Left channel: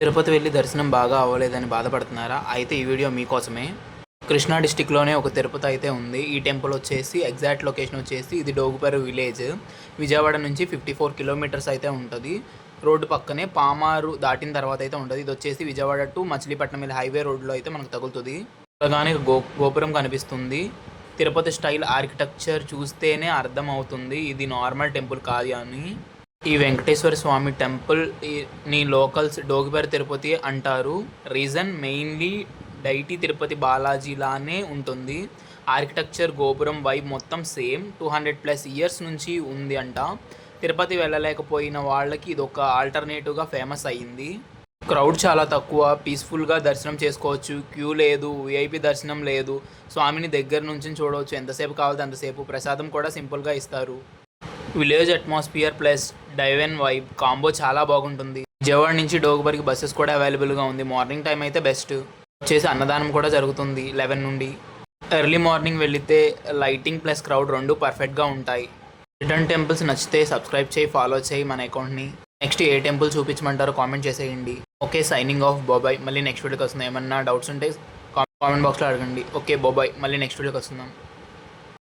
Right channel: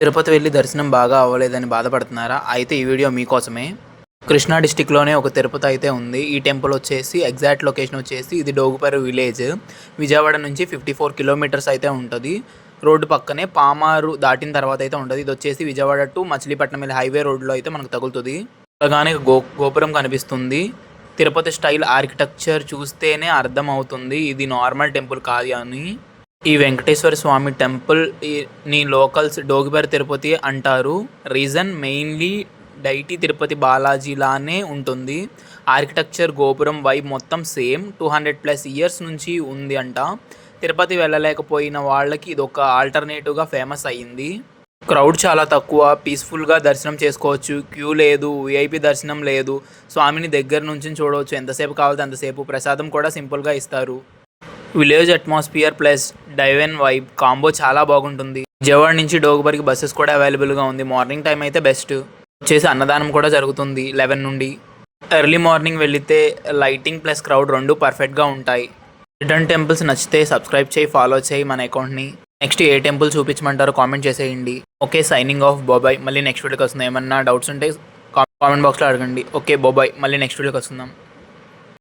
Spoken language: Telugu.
తిరుపతి వెళ్ళి దర్శనం బాగా అవ్వలేదని బాధపడుతున్నారా? అయితే ఈ వీడియో మీకోసమే. కృష్ణా డిస్టిక్‌లోనే ఒక తిరుపతి అయితే ఉంది. ఈ టెంపుల్ వచ్చేసి ఎగ్జాక్ట్ లొకేషన్ వచ్చేసి ఇది డోగుపర్రు విలేజ్. విజయవాడ నుంచి 54 కిలోమీటర్స్ అయితే ఉంటది. రోడ్డు పక్కనే పామారు దాటిన తర్వాత అయితే ఉంటది. ఇది వచ్చేసి విజయవాడ టు మచిలీపట్నం వెళ్ళే హైవే రోడ్‌లో అయితే మనకు తగులుతది. చూడగానే గోపురం కనిపిస్తుంది. తిరుపతి స్టైల్ ఆర్కిటెక్చర్ చూస్తేనే అర్థమవుతుంది ఇది నార్మల్ టెంపుల్ కాదు అని. ఈ వెంకటేశ్వర స్వామి టెంపుల్ ని లోకల్స్ డోగిపర్రు తిరుపతి అంటారు. Reason mainly deity Tirupati Balaji లానే ఉంటుంది. ఆర్కిటెక్చర్ గోపురం వైబ్ మొత్తం సేమ్. 200+ ఇయర్స్ నుంచి ఉంది అంట. తిరుపతి వెళ్ళలేకపోయిన వాళ్ళకి ఇది ఒక ఆల్టర్నేటివ్గా ఫేమస్ అయ్యింది. క్రౌడ్ చాలా తక్కువ, పీస్ఫుల్గా దర్శనం చేసుకోవచ్చు. క్యూ లేదు, విఐపి దర్శనం లేదు. స్వామిని దగ్గర నుంచి చూడవచ్చు. ఎంతసేపు కావాలంటే అంతసేపు. ప్రసాదం కూడా సింపుల్గా ఇస్తారు. Village atmosphere plus divine vibe combo చాలా బాగుంటుంది. విజయవాడ నుంచి డోగుపర్రుకి బస్సెస్ కూడా అవైలబుల్గా ఉంది. మార్నింగ్ టైం అయితే బెస్ట్. వచ్చేసి అన్నదానం కూడా జరుగుతుంది 11 నుండి. ఎర్లీ మార్నింగ్ వెళితే లైటింగ్ ప్లస్ క్రౌడ్ రెండు పర్ఫెక్ట్గా ఉంటాయి. రిటర్న్ టెంపుల్స్ నచ్చితే సబ్స్క్రైబ్ చేయి, ఫాలో చేయి మన అకౌంట్ని. నెక్స్ట్ ఏ టెంపుల్ చూపించమంటారో కామెంట్ చేసేయండి. ఓకే, సైనింగ్ ఆఫ్, బాబాయ్. మళ్ళీ నెక్స్ట్ వీడియోకి వస్తుంది. ఏమన్నా డౌట్స్ ఉంటే కామెంట్ బాక్స్లో అడగండి. ఓకే, బాబాయ్. మళ్ళీ నెక్స్ట్ వీడియోకి వస్తుందాం.